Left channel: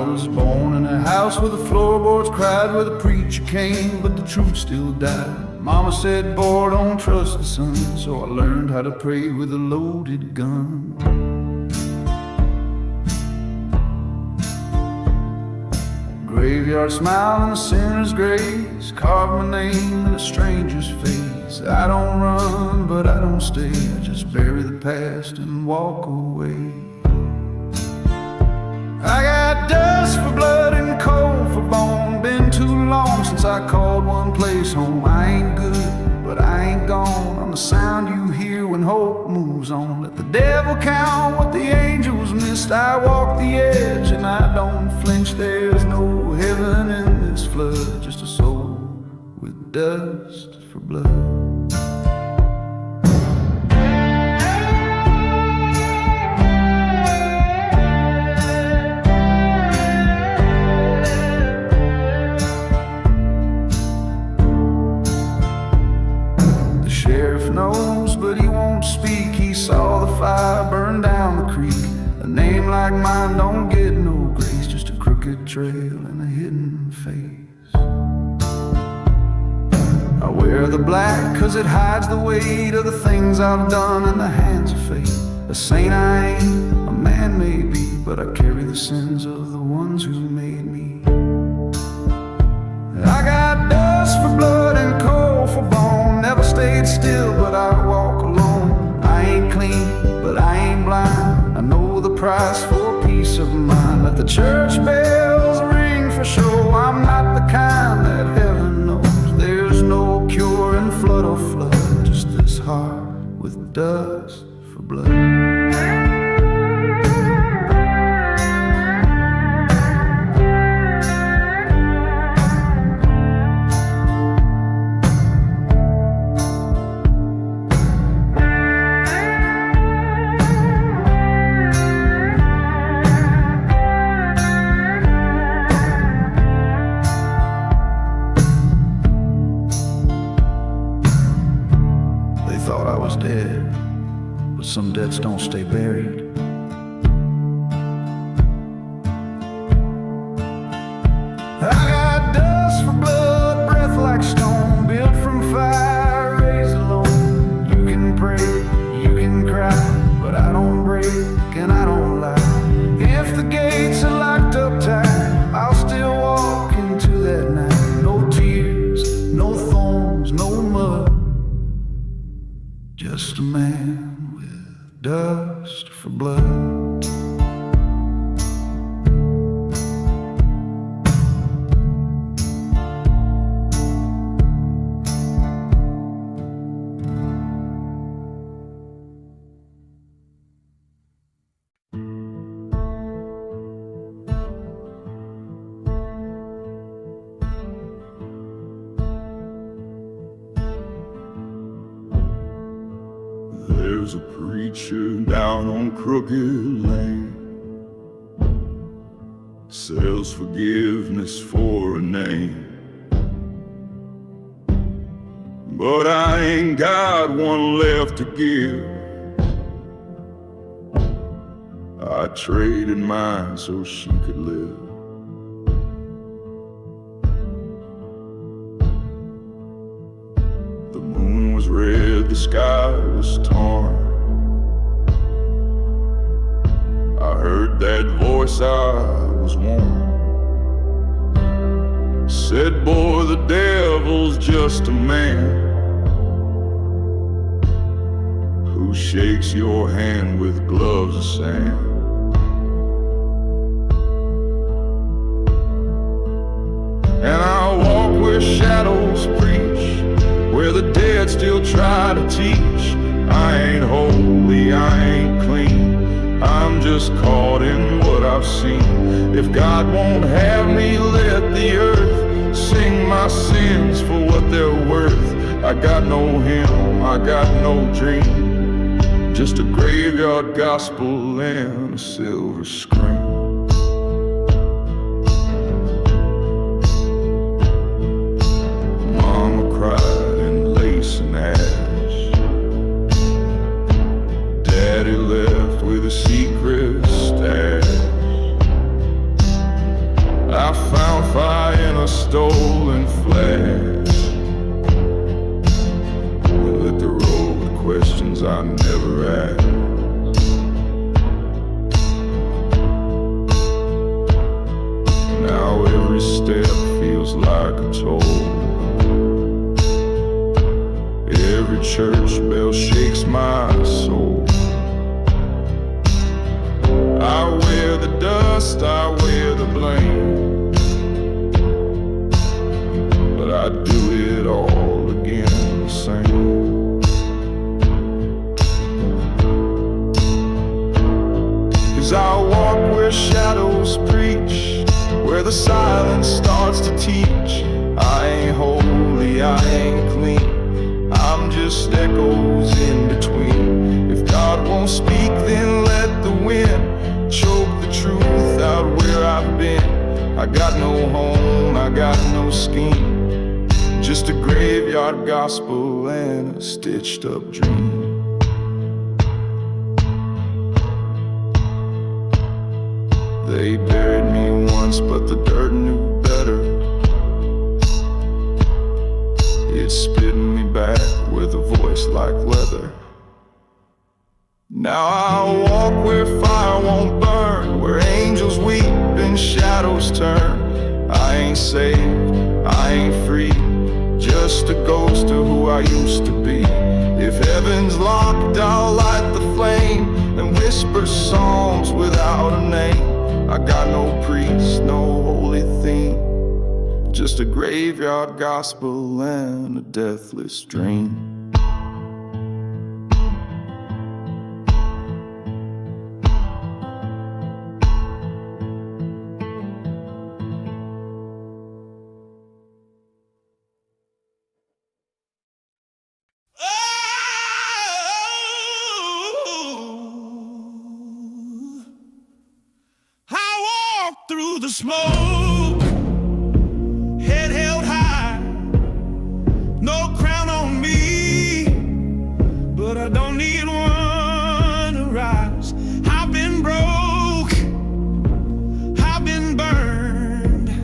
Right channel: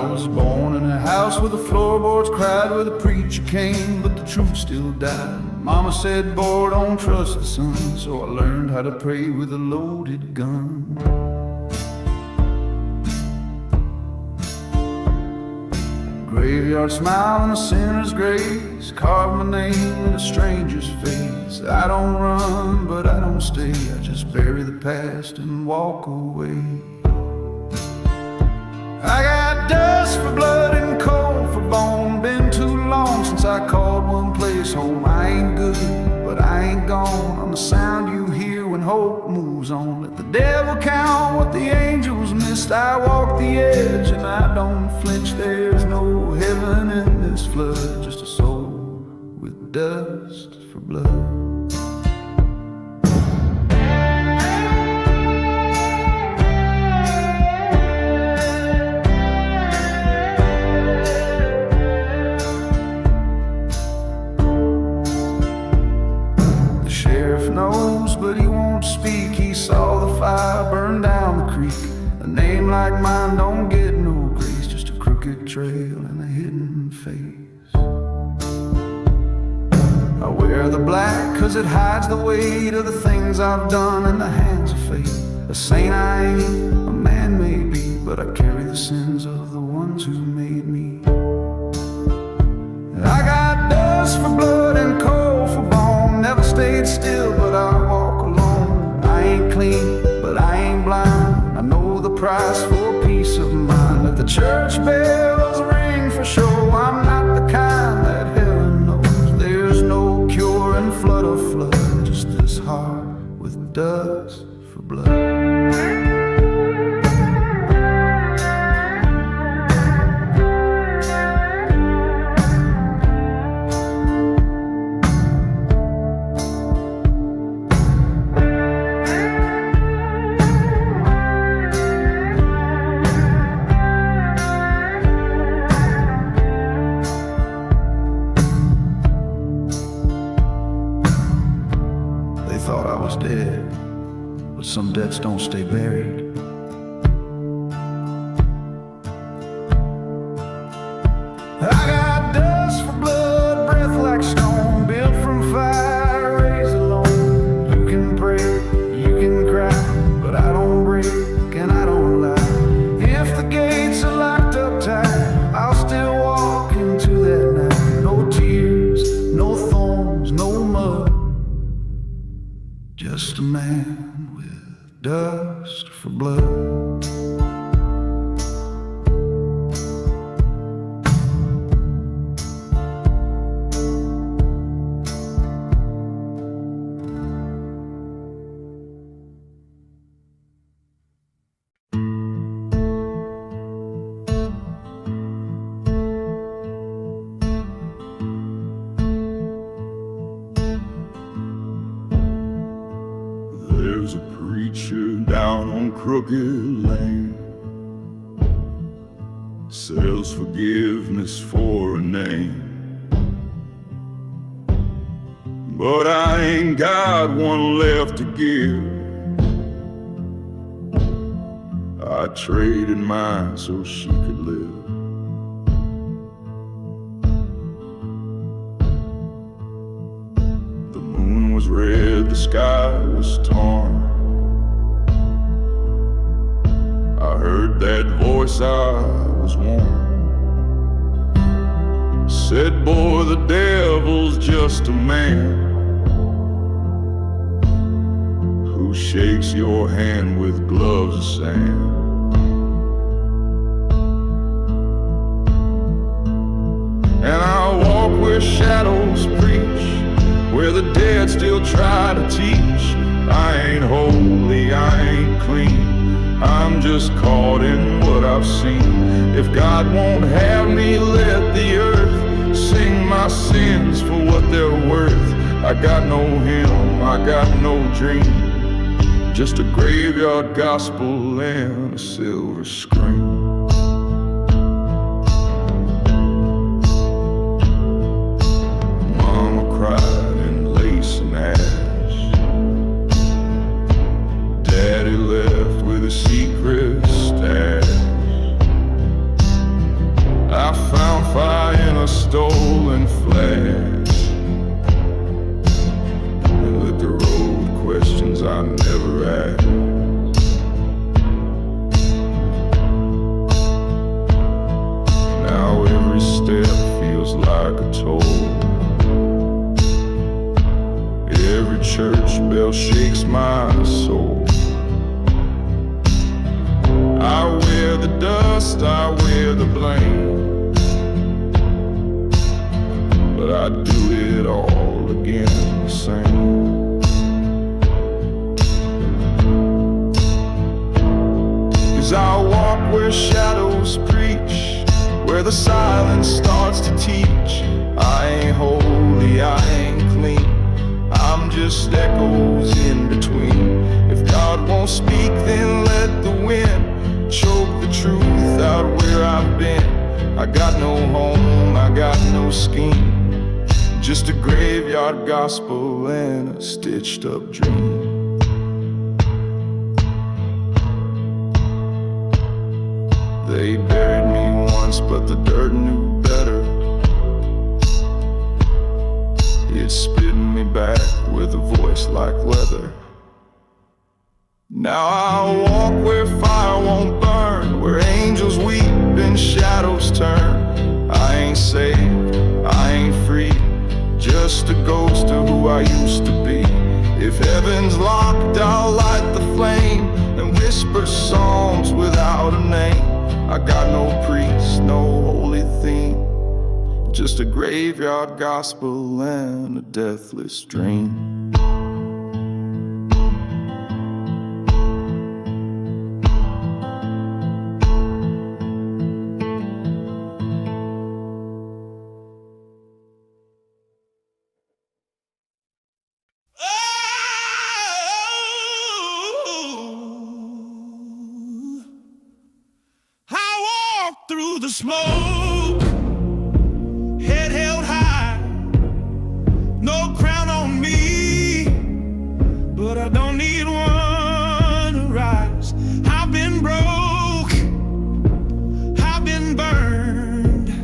was born in a house where the floorboards cried, where the preacher came, but the truth still died. Mama said, boy, don't trust the sun, so I learned how to pray with a loaded gun. Graveyard smile and a sinner's grace, carve my name in a stranger's face. I don't run, but I don't stay, I just bury the past and walk away. I got dust for blood and coal for bone. Been too long since I called one place home. I ain't good, but I ain't gone. I'm the sound you hear when hope moves on. Let the devil count what the angels missed. I walk the edge and I don't flinch. There's no heaven in this flood, just a soul with dust for blood. Sheriff knows, but he won't speak. He saw the fire burn down the creek. A name like mine don't get no grace, just a crooked trail and a hidden face. I wear the black 'cause it hides the weight of the things I've done in the hands of fate. A saint I ain't, a man maybe, but I carry the sins of the ones who made me. I got dust for blood and coal for bone. Never stayed still, but I walk alone. I ain't clean, but I ain't blind. I know the price for peace of mind. Let the church bells ring for show. I'm not the kind that heaven knows. There's no cure in flood or flood, just this heart with dust for blood. They thought I was dead, but some debts don't stay buried. I got dust for blood, breath like stone, built from fire, raised alone. You can pray, you can cry, but I don't break and I don't lie. If the gates are locked up tight, I'll still walk into that night. No tears, no thorns, no mud, just a man with dust for blood. There's a preacher down on Crooked Lane, sells forgiveness for a name. But I ain't got one left to give. I traded mine so she could live. The moon was red, the sky was torn. I heard that voice, I was warned. Said, boy, the devil's just a man who shakes your hand with gloves of sand. And I walk where shadows preach, where the dead still try to teach. I ain't holy, I ain't clean, I'm just caught in what I've seen. If God won't have me, let the earth sing my sins for what they're worth. I got no hymn, I got no dream, just a graveyard gospel and a silver screen. Mama cried in lace and ash, Daddy left with a secret stash. questions I never asked. Now every step feels like a toll. Every church bell shakes my soul. I wear the dust, I wear the blame, but I do it all again the same. 'Cause I walk where shadows preach, where the silence starts to teach. I ain't holy, I ain't clean, I'm just echoes in between. If God won't speak, then let the wind choke the truth out where I've been. I got no home, I got no scheme, just a graveyard gospel and a stitched up dream. They buried me once, but the dirt knew better. It's spitting me back with a voice like leather. Now I walk where fire won't burn, where angels weep and shadows turn. I ain't saved, I ain't free, just a ghost of who I used to be. If heaven's locked, I'll light the flame and whisper psalms without a name. I got no priest, no holy theme, just a graveyard gospel and a deathless dream. Through the smoke, head held high, no crown on me, but I don't need one to rise. I've been broke, I've been burned,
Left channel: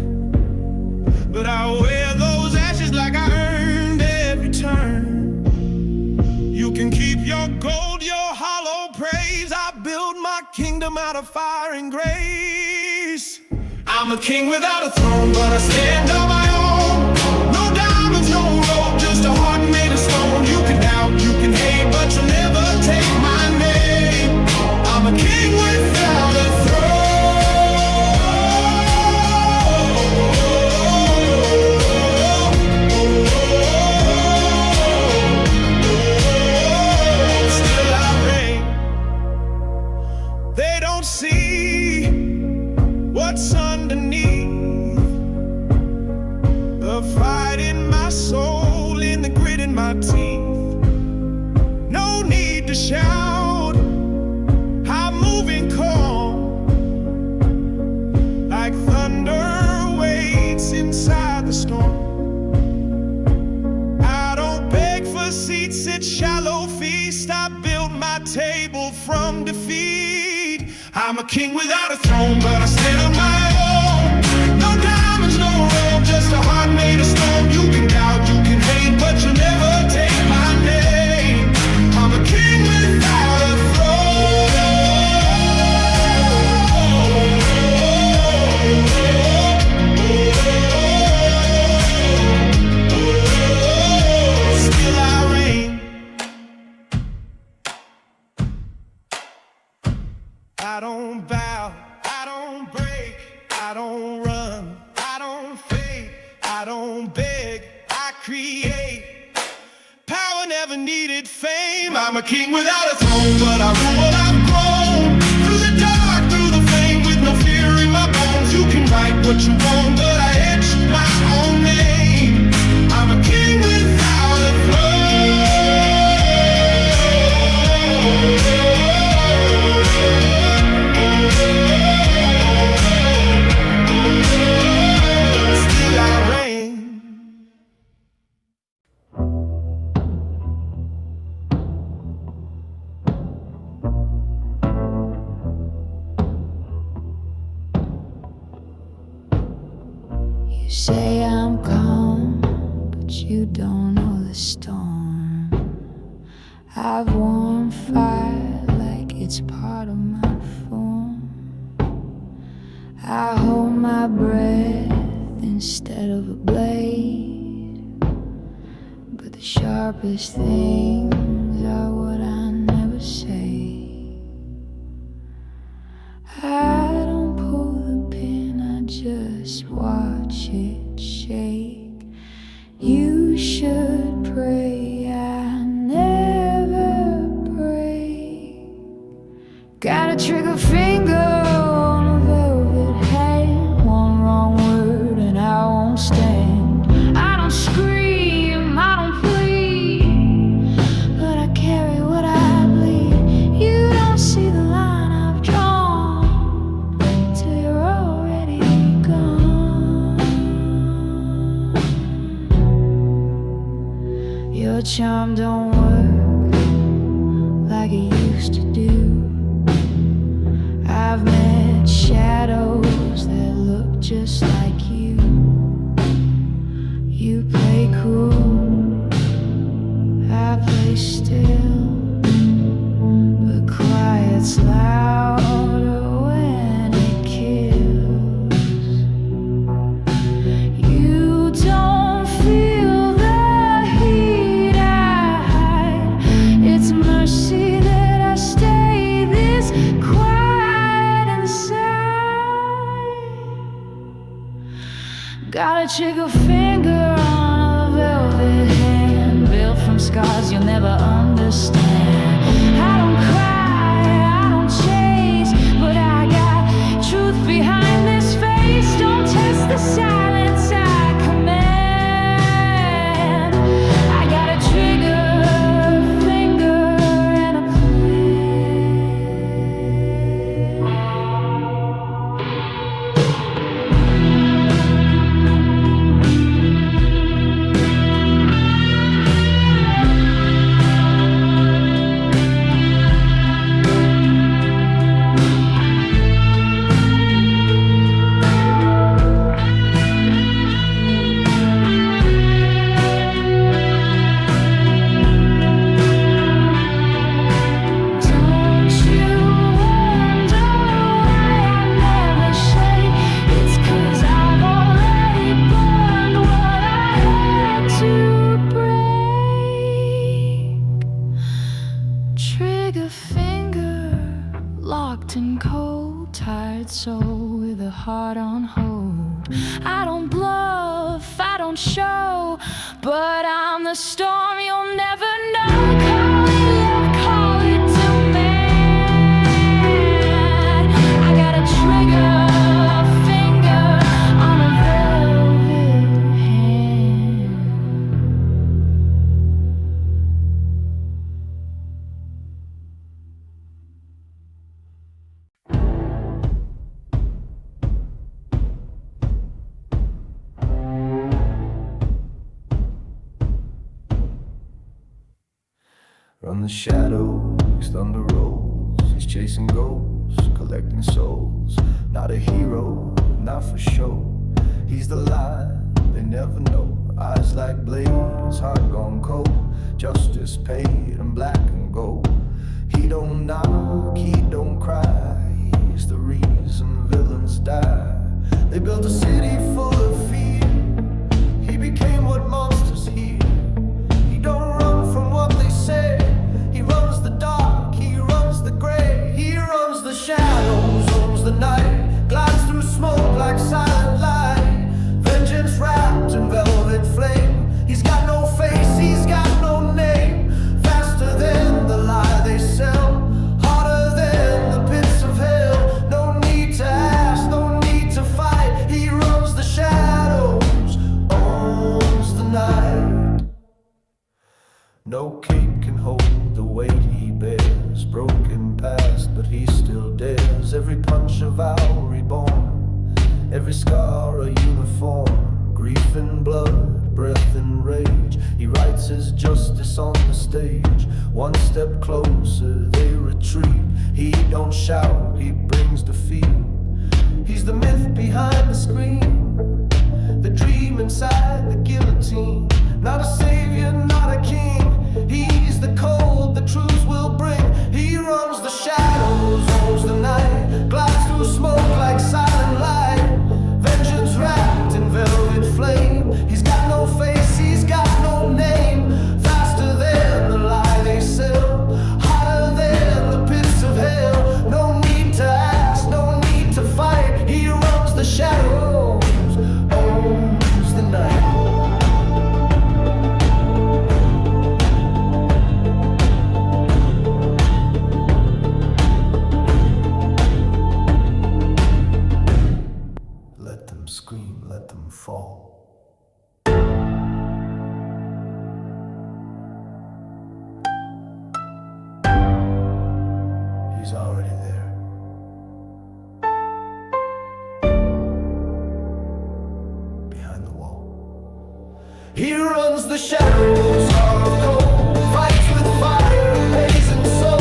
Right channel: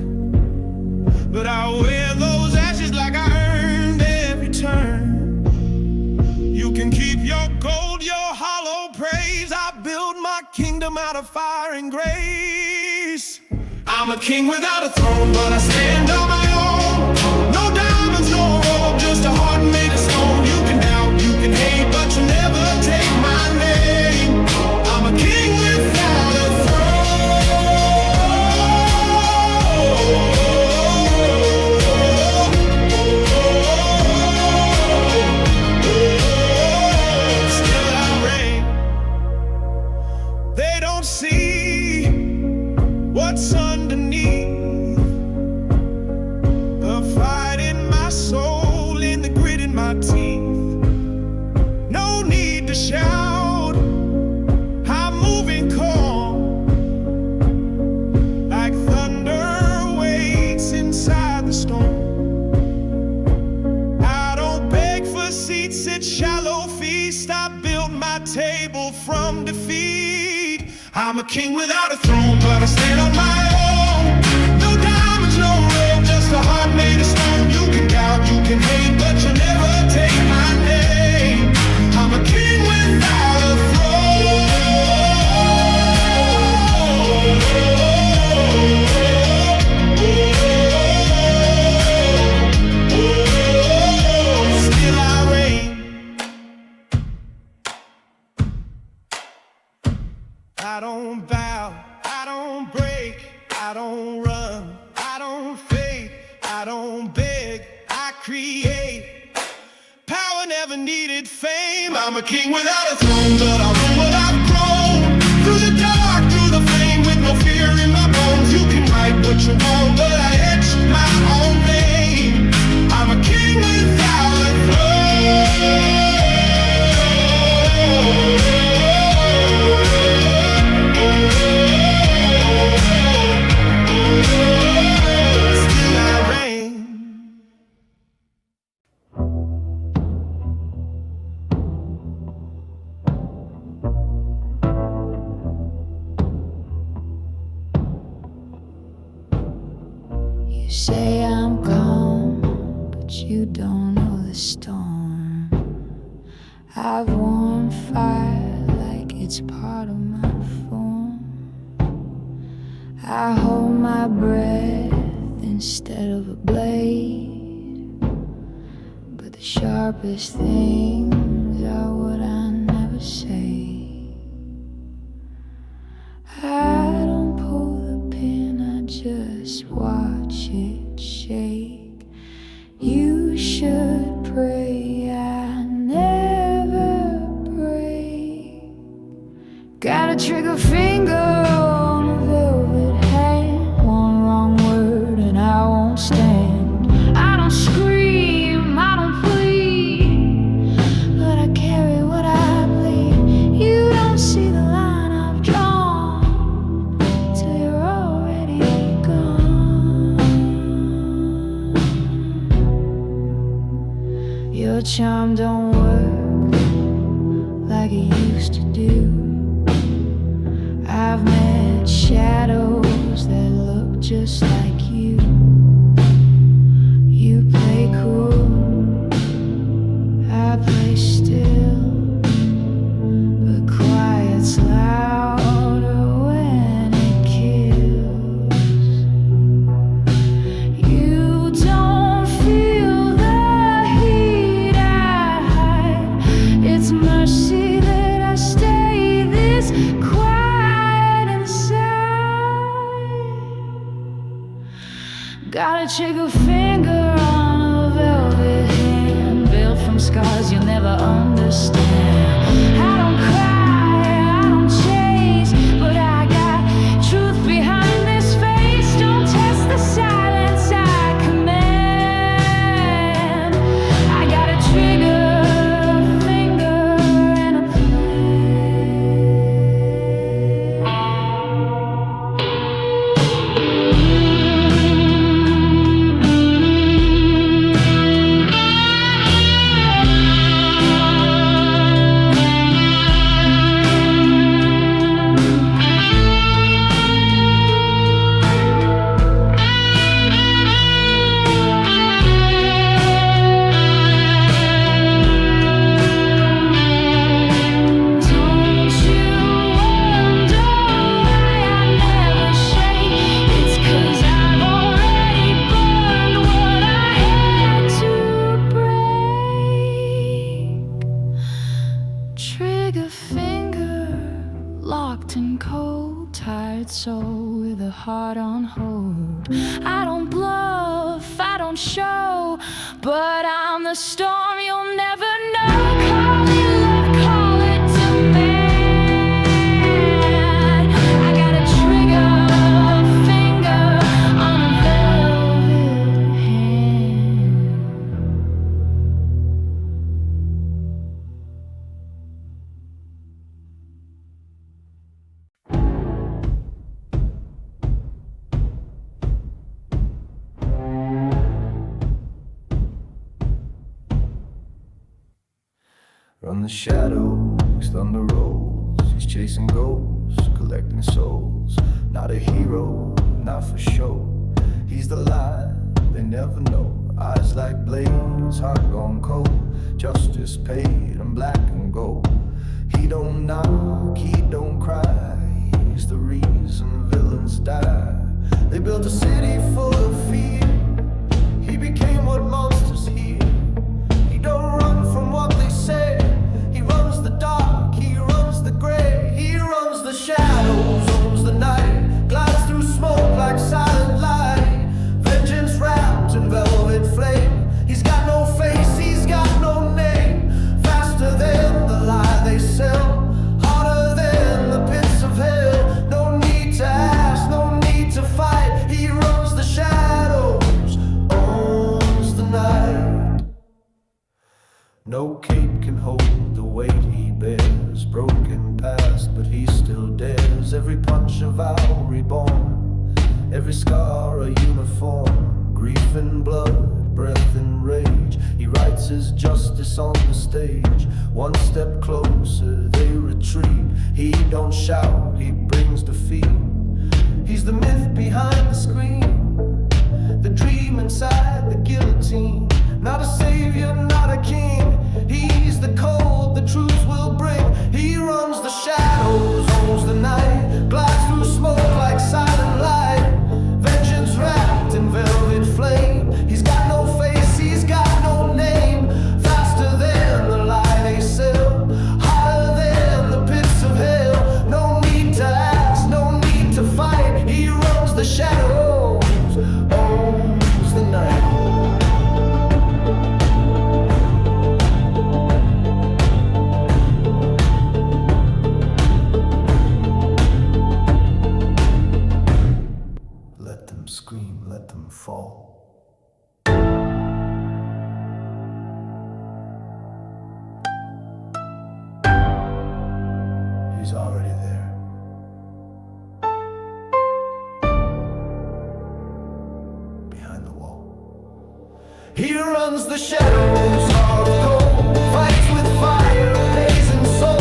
but I wear those ashes like I earned every turn. You can keep your gold, your hollow praise. I build my kingdom out of fire and grace. I'm a king without a throne, but I stand on my own. No diamonds, no robe, just a heart made of stone. You can doubt, you can hate, but you'll never take my name. I'm a king without a throne. Still I reign. They don't see what's underneath, the fight in my soul, in the grit in my teeth. No need to shout, I'm moving calm, like thunder waits inside the storm. I don't beg for seats at shallow feast, I built my table from defeat. I'm a king without a throne, but I stand on my own. No diamonds, no robe, just a heart made of stone. You can doubt, you can hate, but you'll never take my name. I'm a king without a throne. Still I reign. I don't bow, I don't break, I don't run, I don't fade, I don't beg, I create. Power never needed fame. I'm a king without a throne, but I rule what I've grown. Through the dark, through the flame, with no fear in my bones. You can write what you want, but I etched my own name. I'm a king without a throne. Rain. You say I'm calm, but you don't know the storm I've worn fire like it's part of my form. I hold my breath instead of a blade, but the sharpest things are what I never say. I don't pull the pin, I just watch it shake. You should pray I never break. Got a trigger finger on a velvet hand. One wrong word and I won't stand. I don't scream, I don't plead, but I carry what I bleed. You don't see the line I've drawn till you're already gone. Your charm don't work like it used to do. I've met shadows that look just like you. You play cool, I play still, but quiet's louder when it kills. You don't feel the heat I hide. It's mercy that I stay this quiet inside. Got a trigger finger on a velvet hand, built from scars you'll never understand. I don't cry, I don't chase, but I got truth behind this face. Don't test the silence I command. I got a trigger finger and a plan. Trigger finger, locked in cold, tired soul with a heart on hold. I don't bluff, I don't show, but I'm the storm you'll never know. Call it love, call it demand. I got a trigger finger on a velvet hand. Run the shadows, thunder rolls. He's chasing ghosts, collecting souls. Not a hero, not for show. He's the line they never know. Eyes like blades, heart gone cold. Justice paid in black and gold. He don't knock, he don't cry. He's the reason villains die. They built a city full of fear. He became what monsters hear. He don't run from what they say. He runs the dark, he runs the gray. He runs the shadows, owns the night. Glides through smoke like silent light. Vengeance wrapped in velvet flame. He's got no face, he's got no name. Faster than the lie they sell, harder than the pits of hell. No need to ask, no need to fight. He runs the shadows, owns the night. No cape can hold the weight he bears. Broken past, but he still dares. Every punch a vow reborn, every scar a uniform. Grief and blood, breath and rage. He writes his justice on the stage. One step closer, they retreat. He don't shout, he brings defeat. He's the myth behind the screen, the dream inside the guillotine. Not a savior, not a king. He's the cold, the He's already there. Behind the wall. He runs the shadows, hard or cold, fights with fire, pays and soul,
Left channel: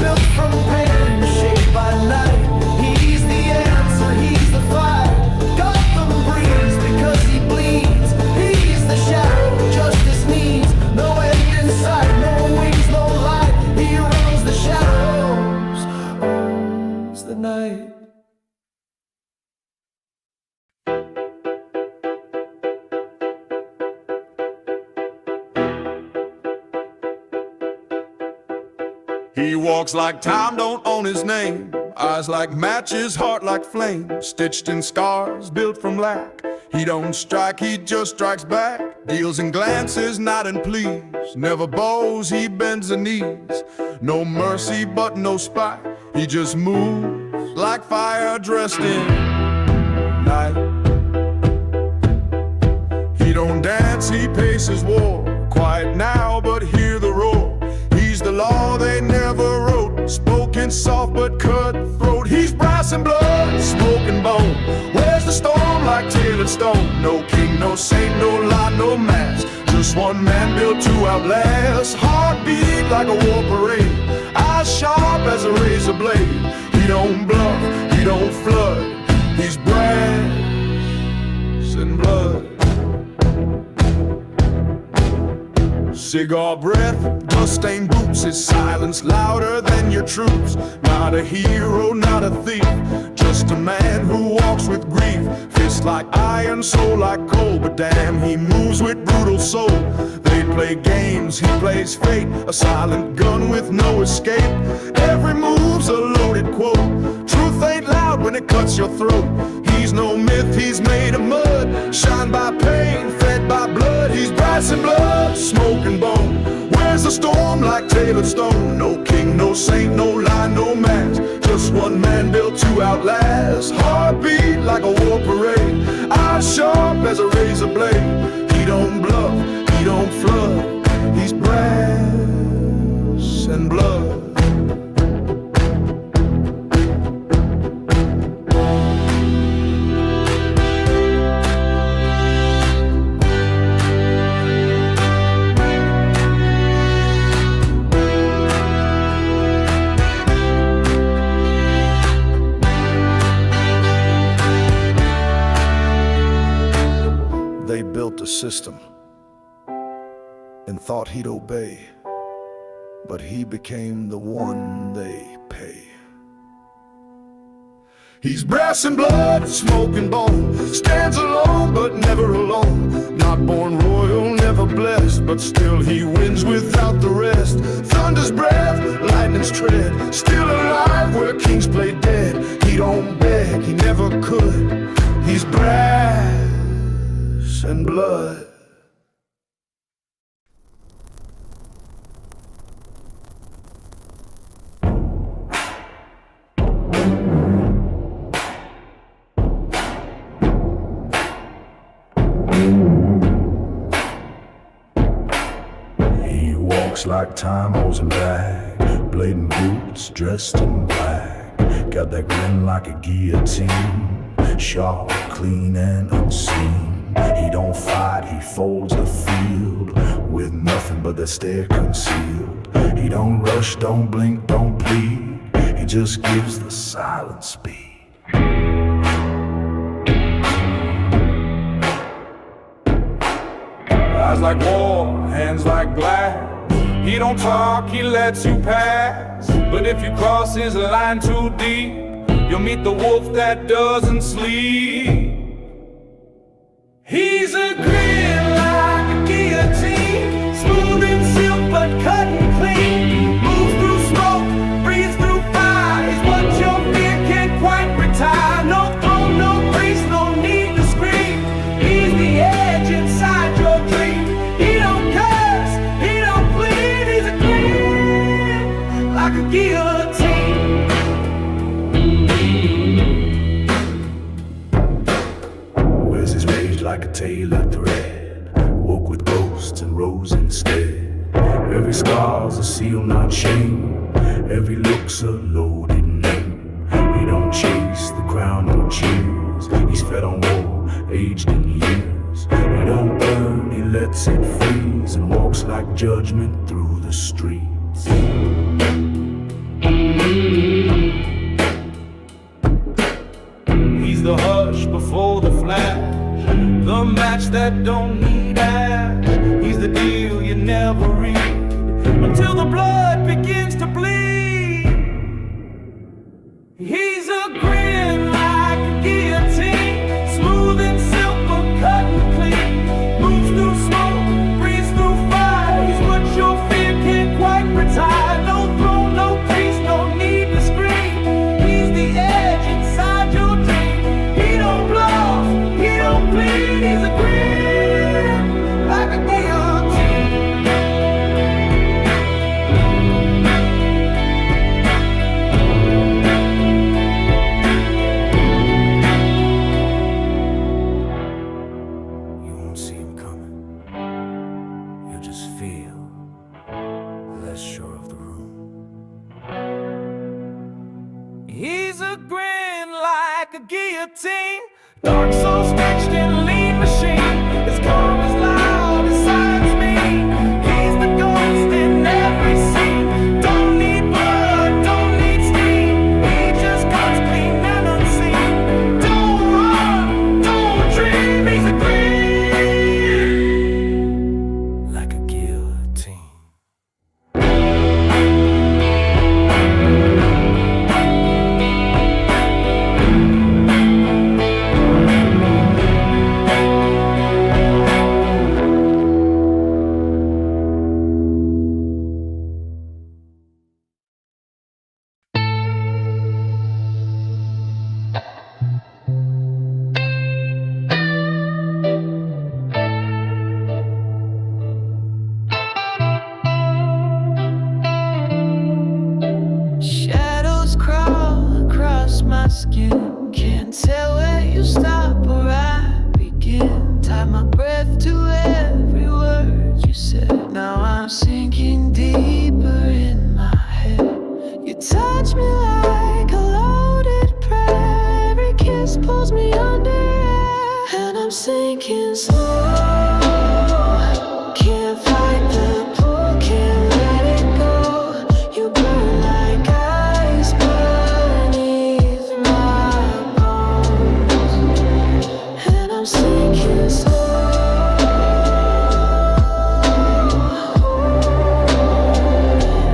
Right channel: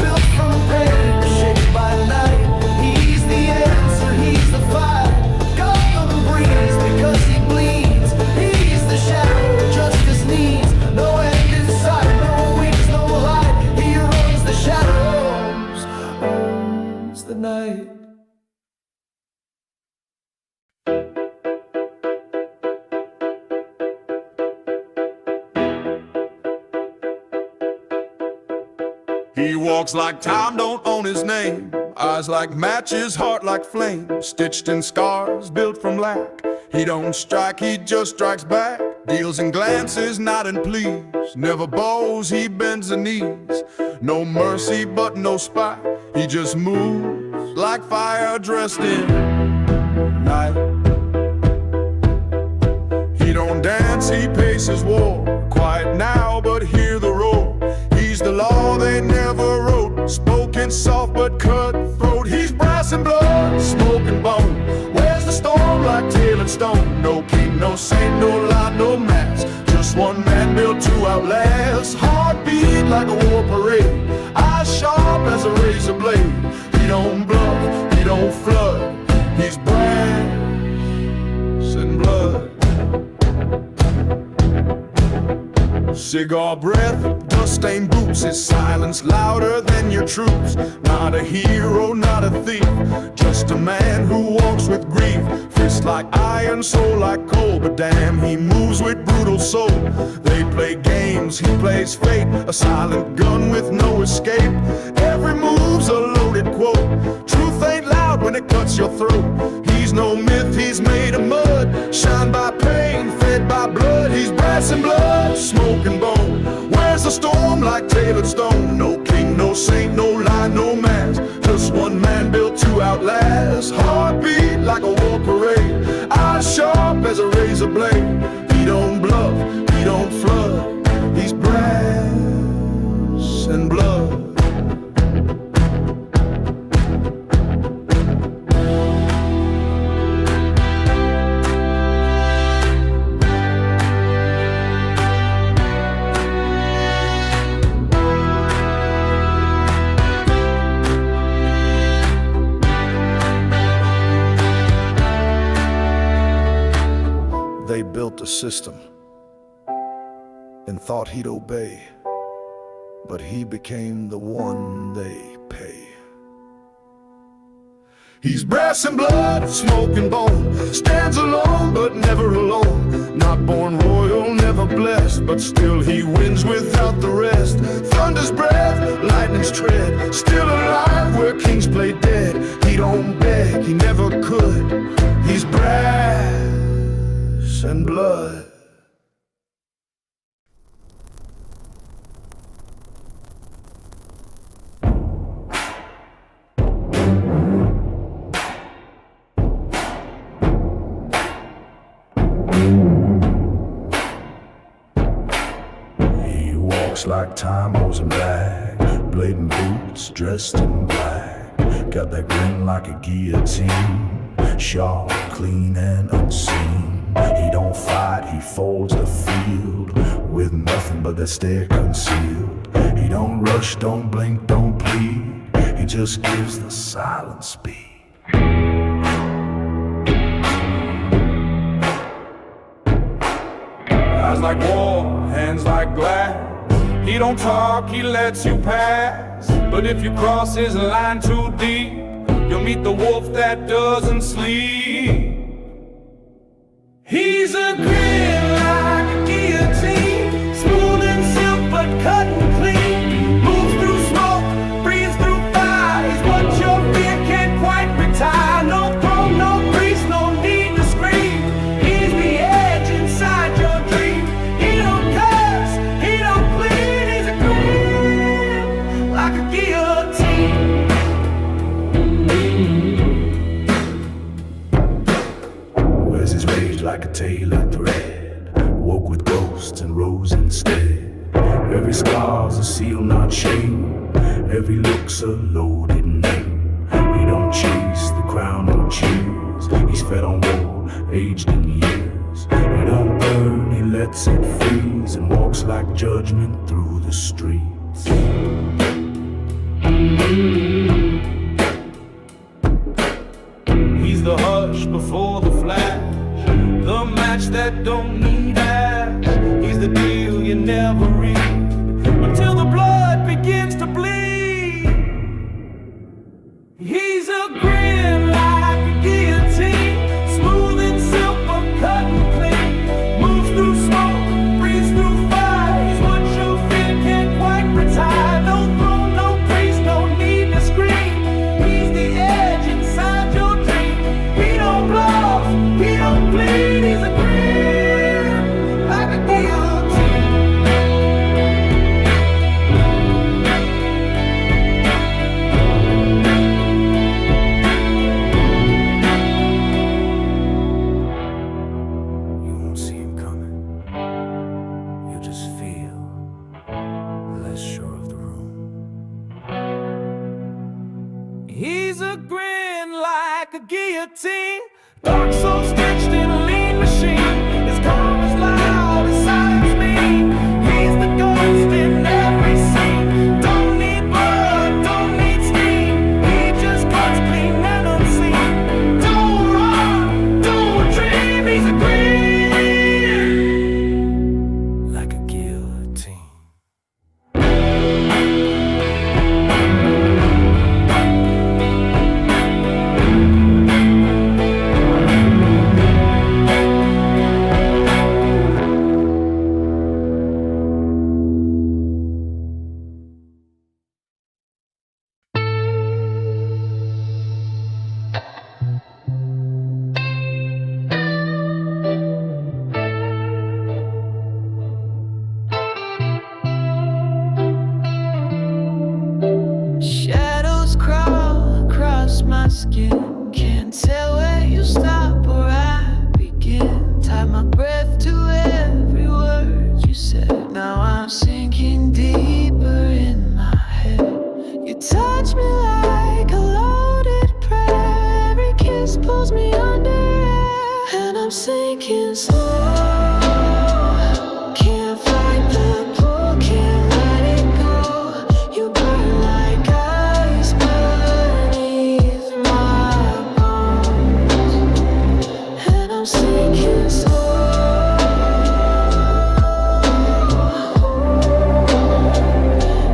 built from pain, shaped by night. He's the answer, he's the fight. Gotham breathes because he bleeds. He's the shadow justice needs. No end in sight, no wings, no light. He runs the shadows, owns the night. He walks like time don't own his name. Eyes like matches, heart like flame. Stitched in scars, built from lack. He don't strike, he just strikes back. Deals in glances, not in pleas. Never bows, he bends the knees. No mercy, but no spite. He just moves like fire dressed in night. He don't dance, he paces war. Quiet now, but hear the roar. He's the law they never wrote. Spoken soft but cutthroat. He's brass and blood, smoke and bone. Where's the storm like tailored stone? No king, no saint, no lie, no mask. Just one man built to outlast. Heartbeat like a war parade. Eyes sharp as a razor blade. He don't bluff, he don't flood. He's brass and blood. Cigar breath, dust-stained boots. His silence louder than your troops. Not a hero, not a thief, just a man who walks with grief. Fist like iron, soul like coal. But damn, he moves with brutal soul. They play games, he plays fate. A silent gun with no escape. Every move's a loaded quote. Truth ain't loud when it cuts your throat. He's no myth, he's made of mud. Shined by pain, fed by blood. He's brass and blood, smoke and bone. Where's the storm like tailored stone? No king, no saint, no lie, no mask. Just one man built to outlast. Heartbeat like a war parade. Eyes sharp as a razor blade. He don't bluff, he don't flood. He's brass and blood. They built a system and thought he'd obey, but he became the one they pay. He's brass and blood, smoke and bone. Stands alone, but never alone. Not born royal, never blessed, but still he wins without the rest. Thunder's breath, lightning's tread. Still alive where kings play dead. He don't beg, he never could. He's brass and blood. He walks like time owes him back. Blade and boots, dressed in black. Got that grin like a guillotine. Sharp, clean, and unseen. He don't fight, he folds the field with nothing but that stare concealed. He don't rush, don't blink, don't plead. He just gives the silent speed. Eyes like war, hands like glass. He don't talk, he lets you pass. But if you cross his line too deep, you'll meet the wolf that doesn't sleep. He's a grin like a guillotine, smooth and silk but cutting clean. Moves through smoke, breathes through fire. He's what your fear can't quite retire. No throne, no priest, no need to scream. He's the edge inside your dream. He don't curse, he don't plead. He's a grin like a guillotine. Wears his rage like a tailored thread. Woke with ghosts and rose instead. Every scar's a seal, not shame. Every look's a loaded name. He don't chase the crown or cheers. He's fed on war, aged in years. He don't burn, he lets it freeze, and walks like judgment through the streets. He's the hush before the flash, the match that don't need ash. He's the deal you never read until the blood begins to bleed. He's a grin like a guillotine, smooth and silk but cut and clean. Moves through smoke, breathes through fire. He's what your fear can't quite retire. No throne, no priest, no need to scream. He's the edge inside your dream. He don't bluff, he don't plead. He's a grin like a guillotine. You won't see him coming. You'll just feel less sure of the room. He's a grin like a guillotine, dark soul stitched in a lean machine. His calm is loud, his silence mean. He's the ghost in every scene. Don't need blood, don't need steam. He just cuts clean and unseen. Don't run, don't dream. He's a grin Like a guillotine. Shadows crawl across my skin. Can't tell where you stop or I begin. Tie my breath to every word you said. Now I'm sinking deeper in my head. You touch me like a loaded prayer. Every kiss pulls me under, and I'm sinking slow. Can't fight the pull, can't let it go. You burn like ice beneath my bones, and I'm sinking slow.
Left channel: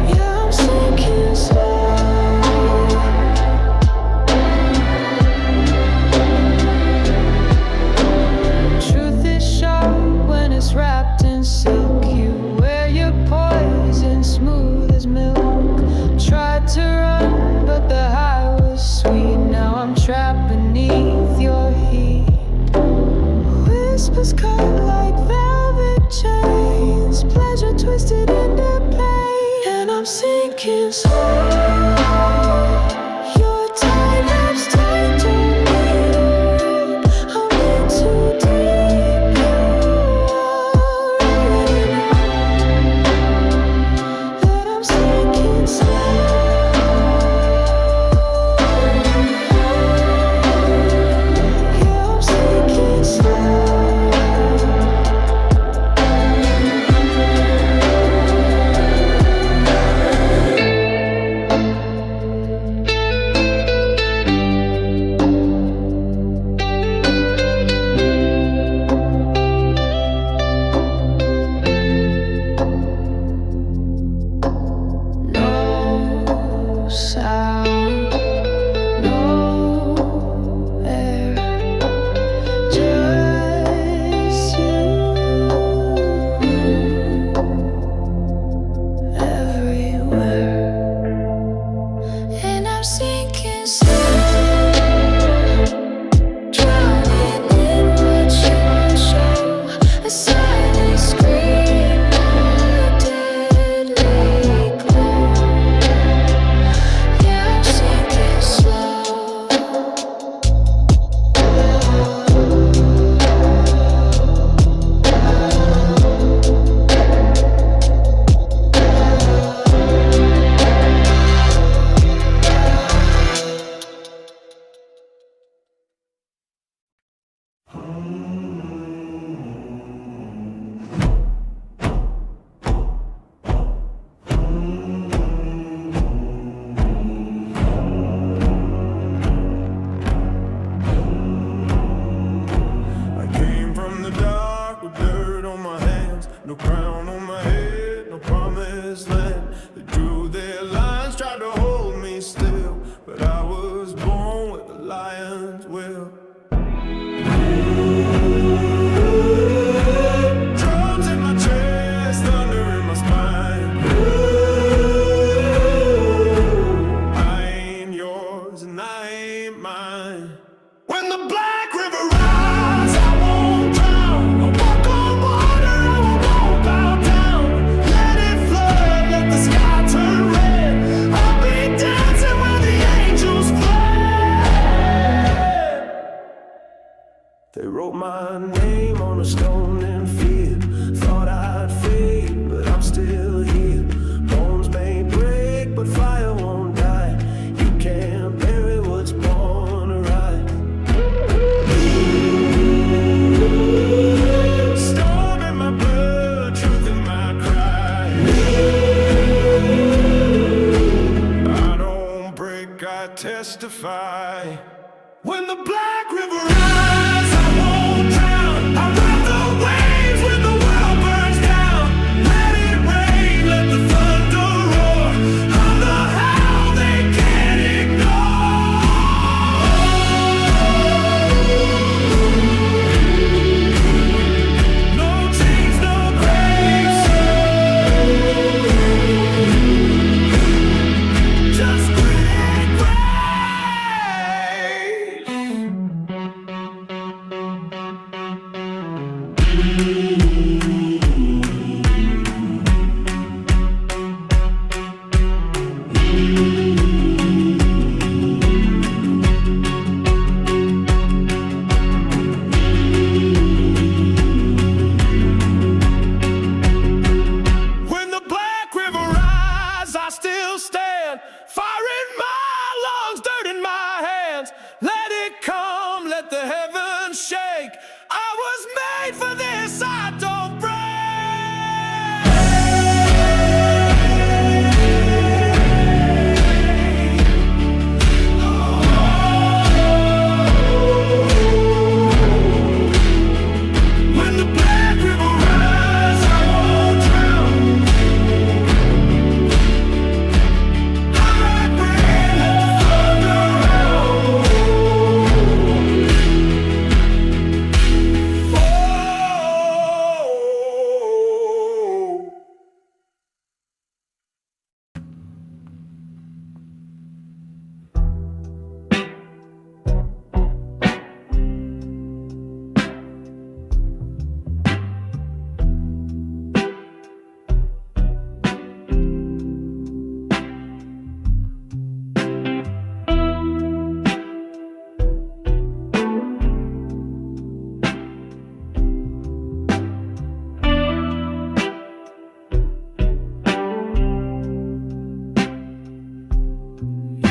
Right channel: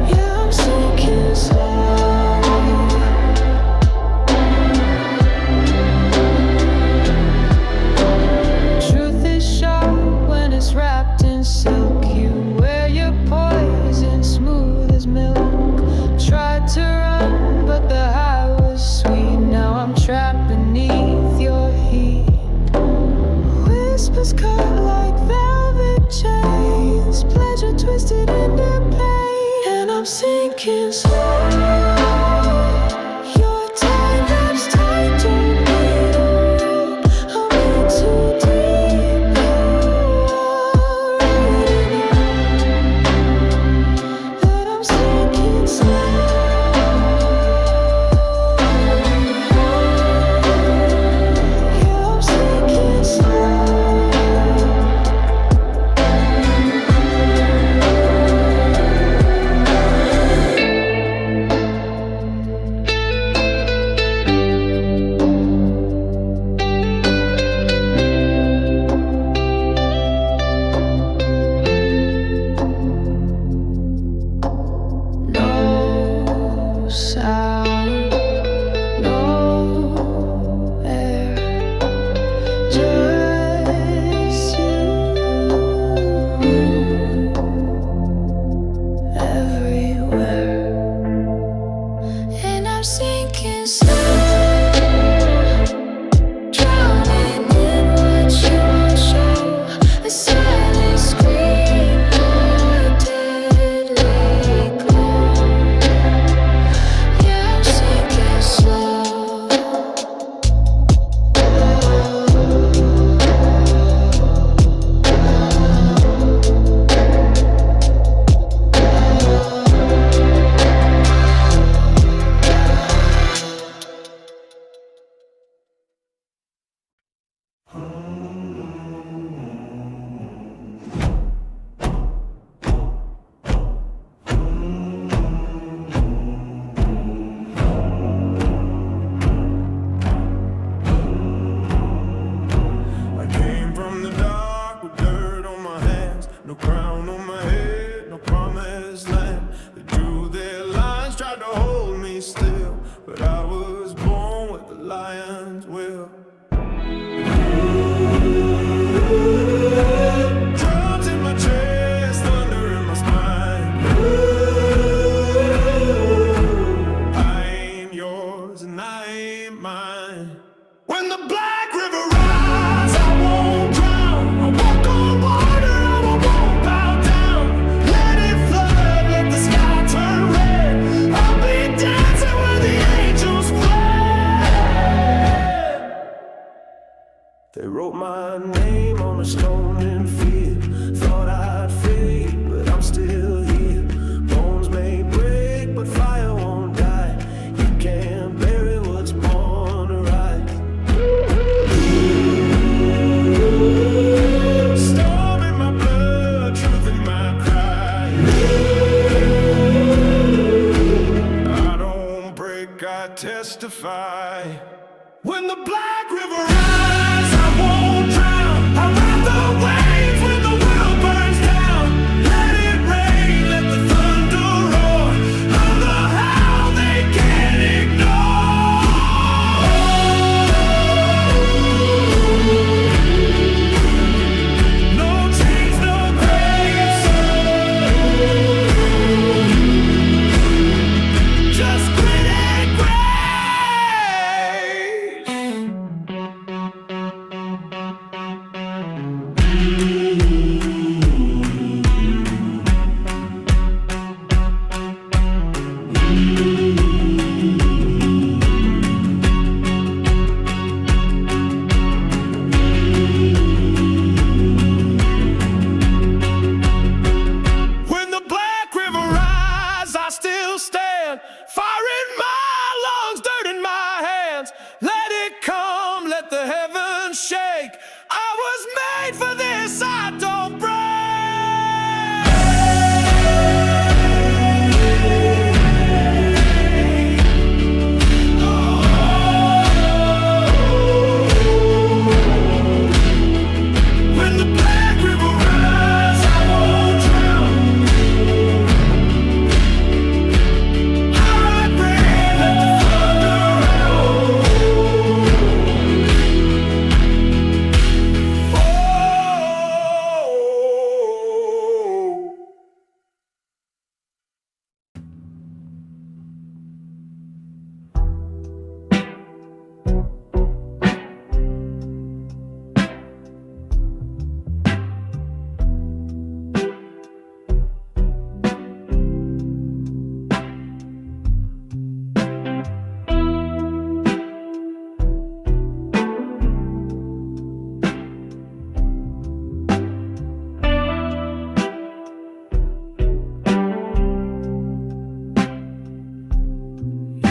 Yeah, I'm sinking slow. Truth is sharp when it's wrapped in silk. You wear your poison smooth as milk. Tried to run, but the high was sweet. Now I'm trapped beneath your heat. Whispers cut like velvet chains. Pleasure twisted into pain, and I'm sinking slow. Your time wraps tight, don't need a rope. I'm in too deep, you already know that I'm sinking slow. Yeah, I'm sinking slow. no crown on my head, no promised land. They drew their lines, tried to hold me still, but I was born with a lion's will. Drums in my chest, thunder in my spine. I ain't yours and I ain't mine. When the black river rises, I won't drown. I'll walk on water, I won't bow down. Let it flood, let the sky turn red. I'll be dancing where the angels fled. They wrote my name on a stone in fear. Thought I'd fade, but I'm still here. Bones may break, but fire won't die. You can't bury what's born to rise. Storm in my blood, truth in my cry. I don't break, I testify. When the black river rises, I won't drown. I ride the waves when the world burns down. Let it rain, let the thunder roar. I'm the hell they can't ignore. No chains, no graves, just grit and grace. When the black river rises, I still stand. Fire in my lungs, dirt in my hands. Let it come, let the heavens shake. I was made for this, I don't break. When the black river rises, I won't drown. I rock rain, let the thunder roll. Oh.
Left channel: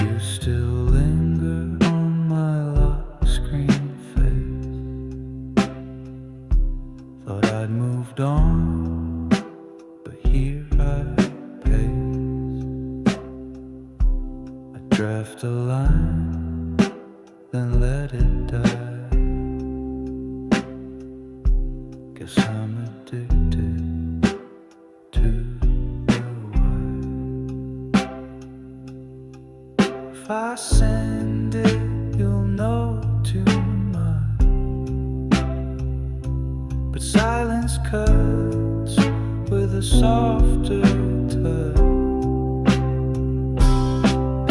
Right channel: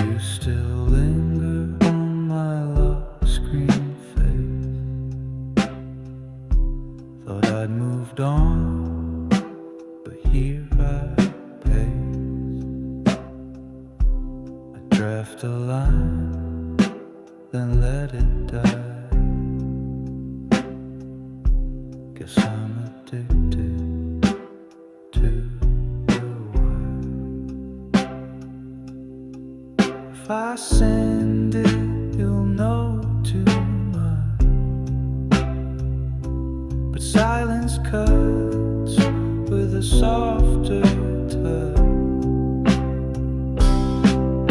You still linger on my lock screen face. Thought I'd moved on, but here I pace. I draft a line, then let it die. Guess I'm addicted to the white. If I send it, you'll know too much. But silence cuts with a softer touch.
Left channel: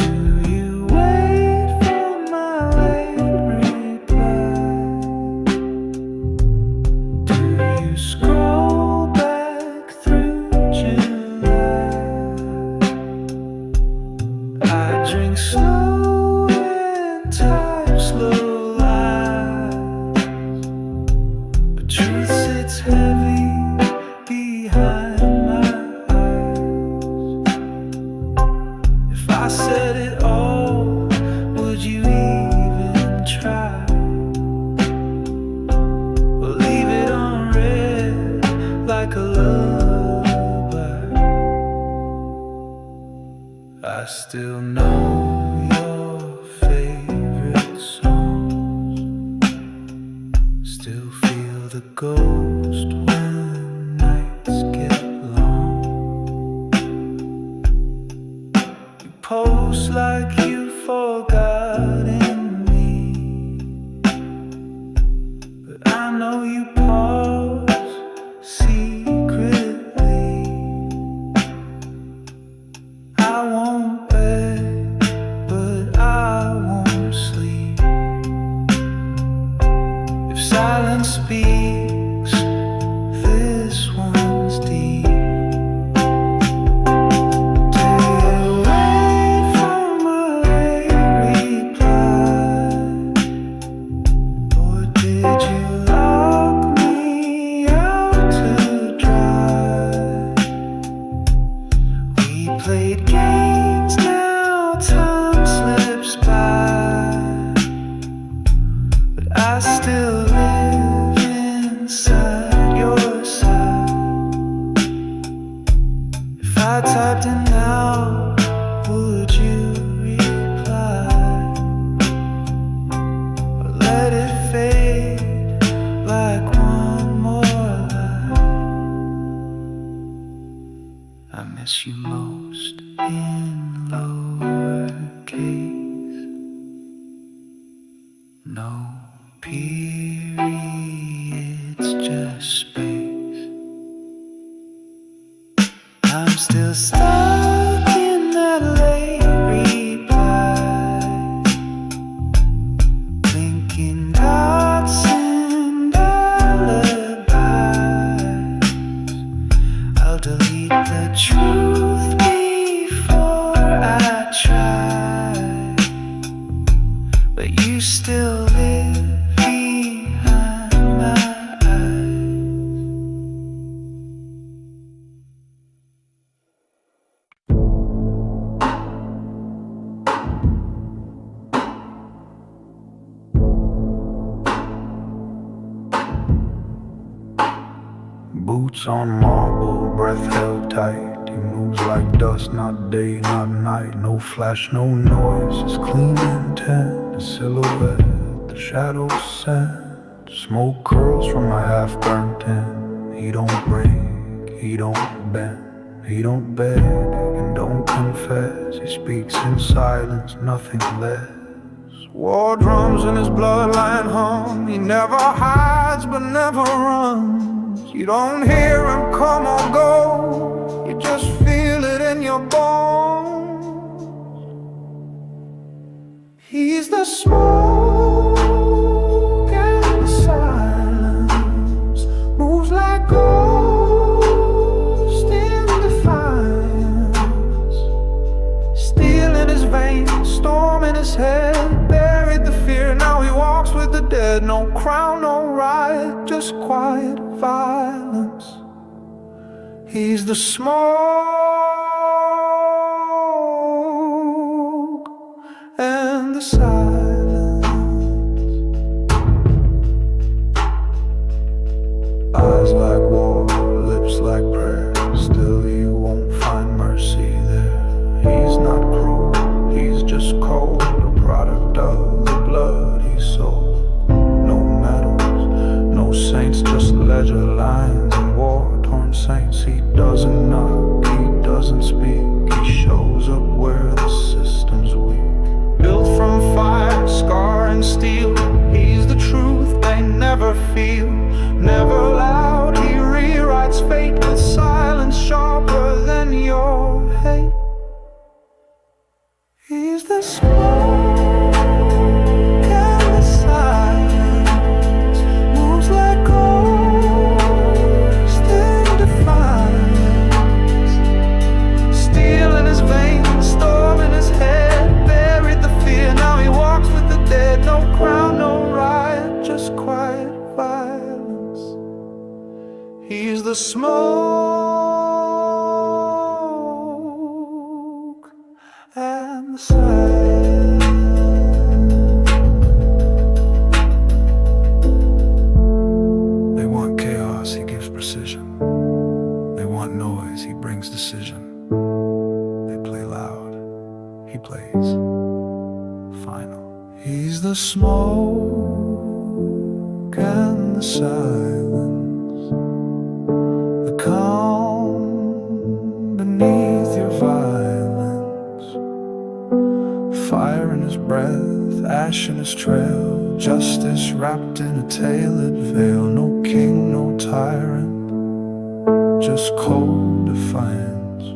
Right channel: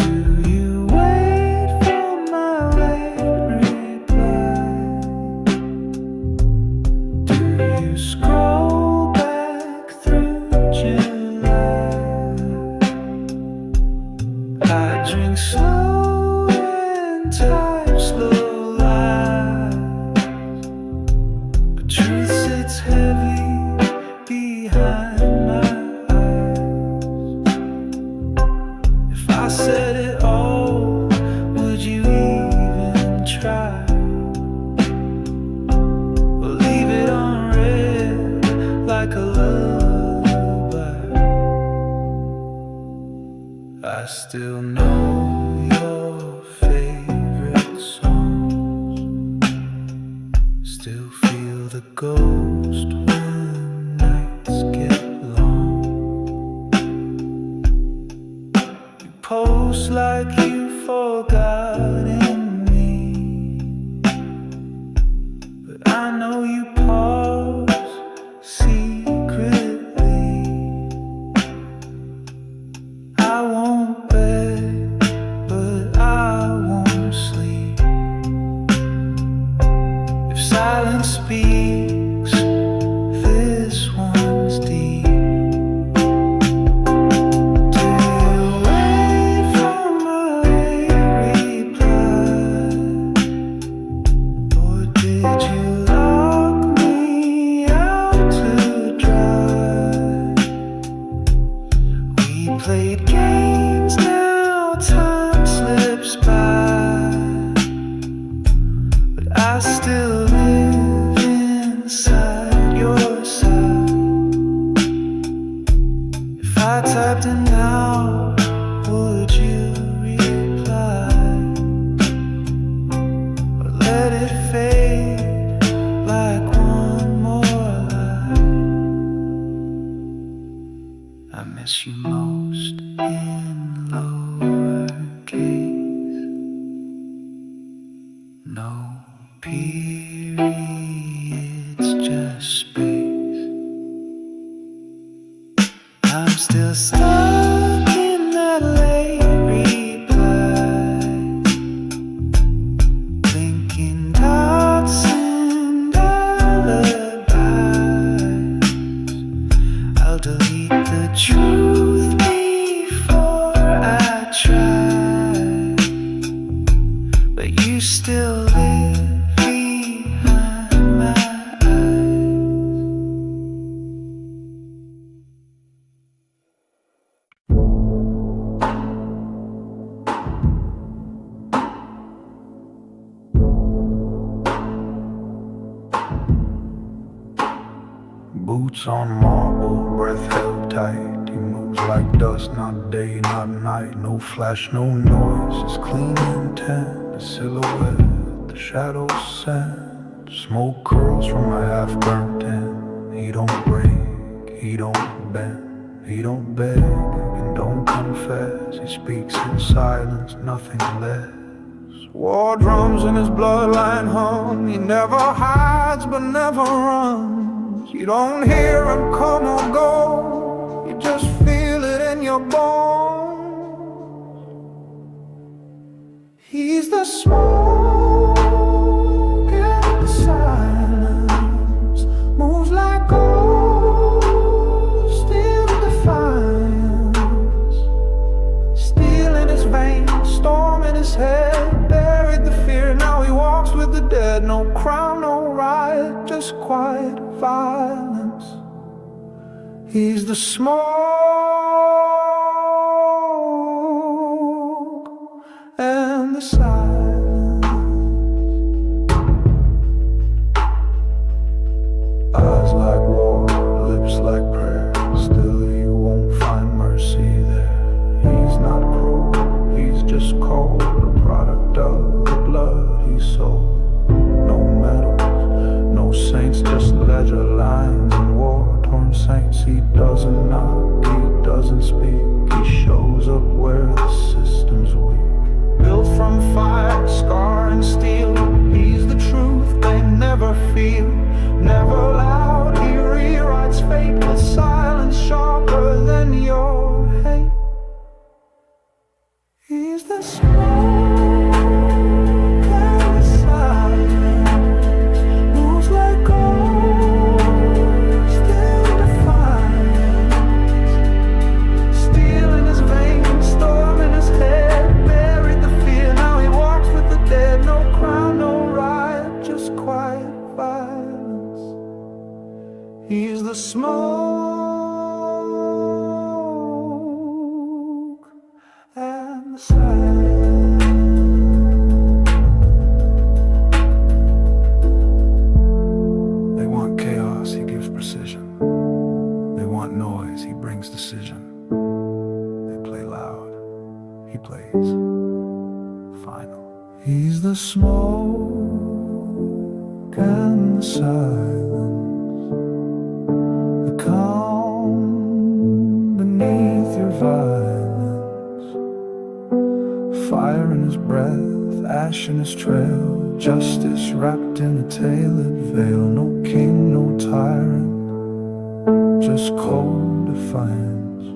Do you wait for my late reply? Do you scroll back through July? I drink slow and type slow lies, but truth sits heavy behind my eyes. If I said it all, would you even try? Or leave it unread like a lullaby? I still know your favorite songs, still feel the ghost when nights post like you forgotten me, but I know you pause secretly. I won't beg, but I won't sleep. If silence speaks, this one's deep. Played games, now time slips by, but I still live inside your side. If I typed in now, would you reply? Or let it fade like one more lie? I miss you most in lowercase, no periods, just space. I'm still stuck in that late reply, blinking dots and alibis. I'll delete the truth before I try, but you still live behind my eyes. Boots on marble, breath held tight. He moves like dust, not day, not night. No flash, no noise, just clean intent. The silhouette, the shadows send. Smoke curls from my half-burnt tin. He don't break, he don't bend. He don't beg and don't confess. He speaks in silence, nothing less. War drums in his bloodline hum. He never hides but never runs. You don't hear him come or go, you just feel it in your bones. He's the smoke and the silence, moves like ghost in defiance. Steel in his veins, storm in his head, buried the fear, now he walks with the dead. No crown, no riot, just quiet violence. He's the smoke and the silence. Eyes like war, lips like prayer. Still you won't find mercy there. He's not cruel, he's just cold, a product of the blood he sold. No medals, no saints, just ledger lines and war-torn saints. He doesn't knock, he doesn't speak. He shows up where the system's weak. Built from fire, scar and steel. He's the truth they never feel. Never loud, he rewrites fate with silence sharper than your hate. He's the smoke and the silence, moves like ghost in defiance. Steel in his veins, storm in his head, buried the fear, now he walks with the dead. No crown, no riot, just quiet violence. He's the smoke and the silence. They want chaos, he gives precision. They want noise, he brings decision. They play loud, he plays final. He's the smoke and the silence, the calm beneath your violence. fire in his breath, ash in his trail, justice wrapped in a tailored veil. No king, no tyrant, just cold defiance.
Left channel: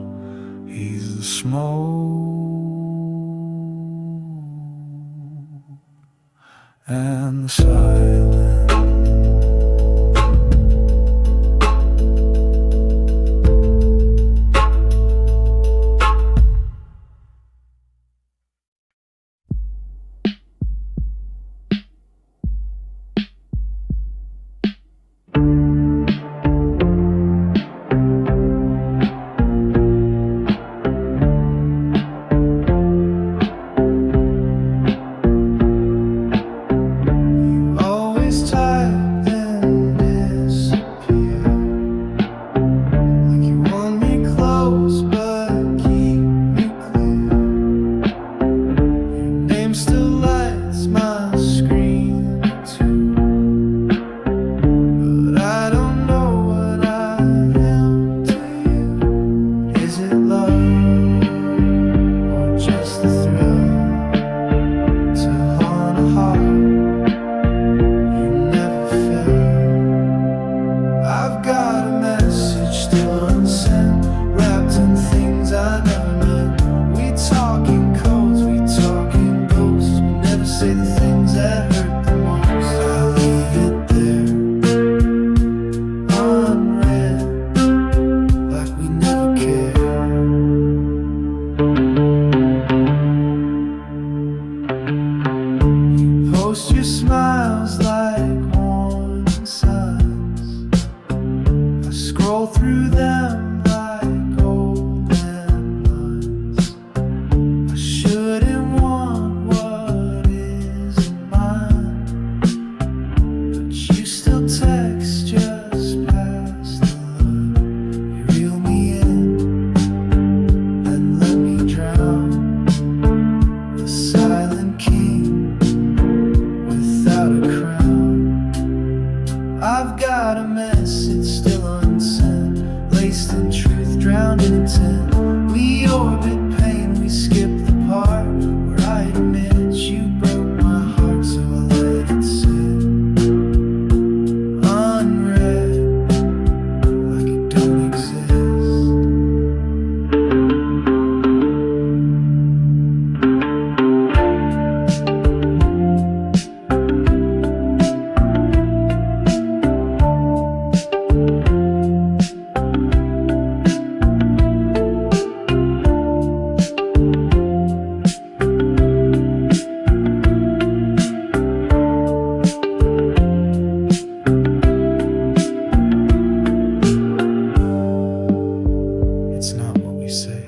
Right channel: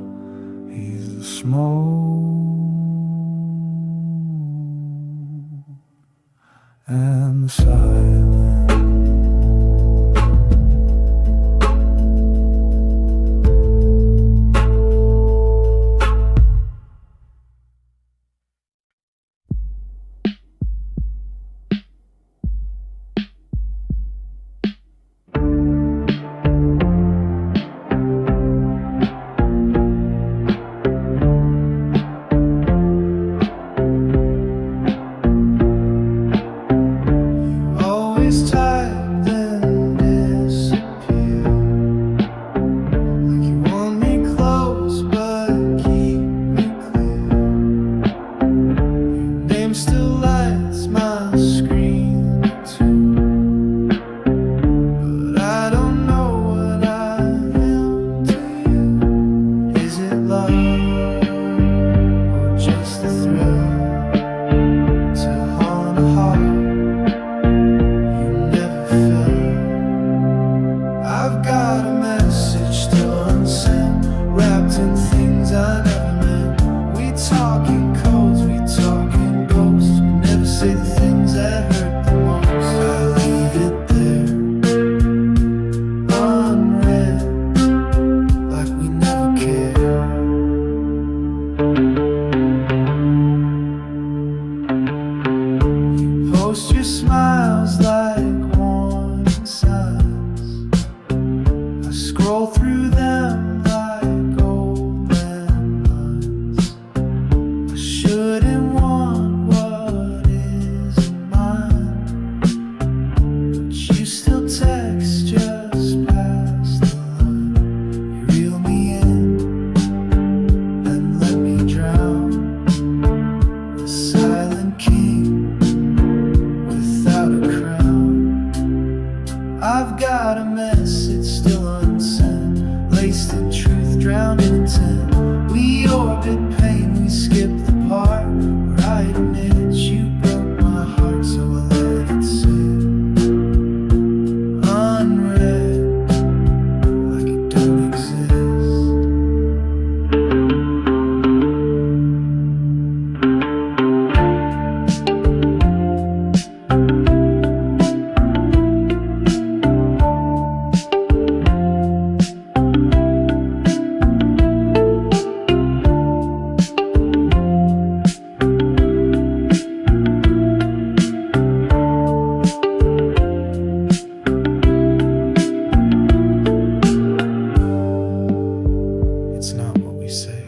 He's the smoke and the silence. Always tired then disappear, like you want me close but keep me clear. Your name still lights my screen too, but I don't know what I am to you. Is it love or just the thrill to haunt a heart I've got a message still unsent, wrapped in things I never meant. We talk in codes, we talk in ghosts, but never say the things that hurt the most. I leave it there, unread, like we never cared. You post your smiles like warning signs, scroll through them like old landmines. I shouldn't want what isn't mine, but you still text just past the line. You reel me in, then let me drown. The silent king without a crown. I've got a message still unsent, laced in truth, drowned in intent. We orbit pain, we skip the part where I admit you broke my heart, so I let it sit, unread, like it don't exist. It's not what we say,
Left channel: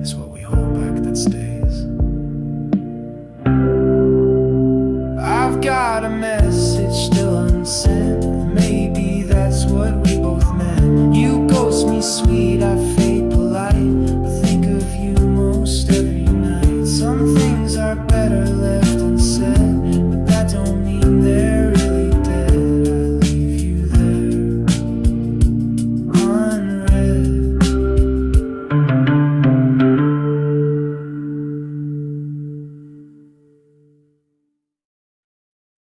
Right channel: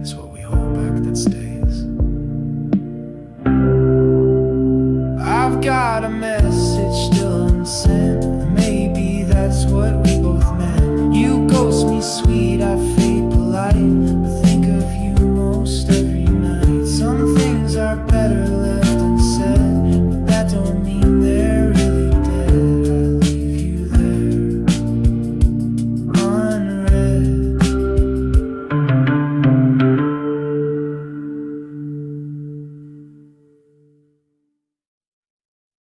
it's what we hold back that stays. I've got a message still unsent, maybe that's what we both meant. You ghost me sweet, I fade polite, but think of you most every night. Some things are better left unsaid, but that don't mean they're really dead.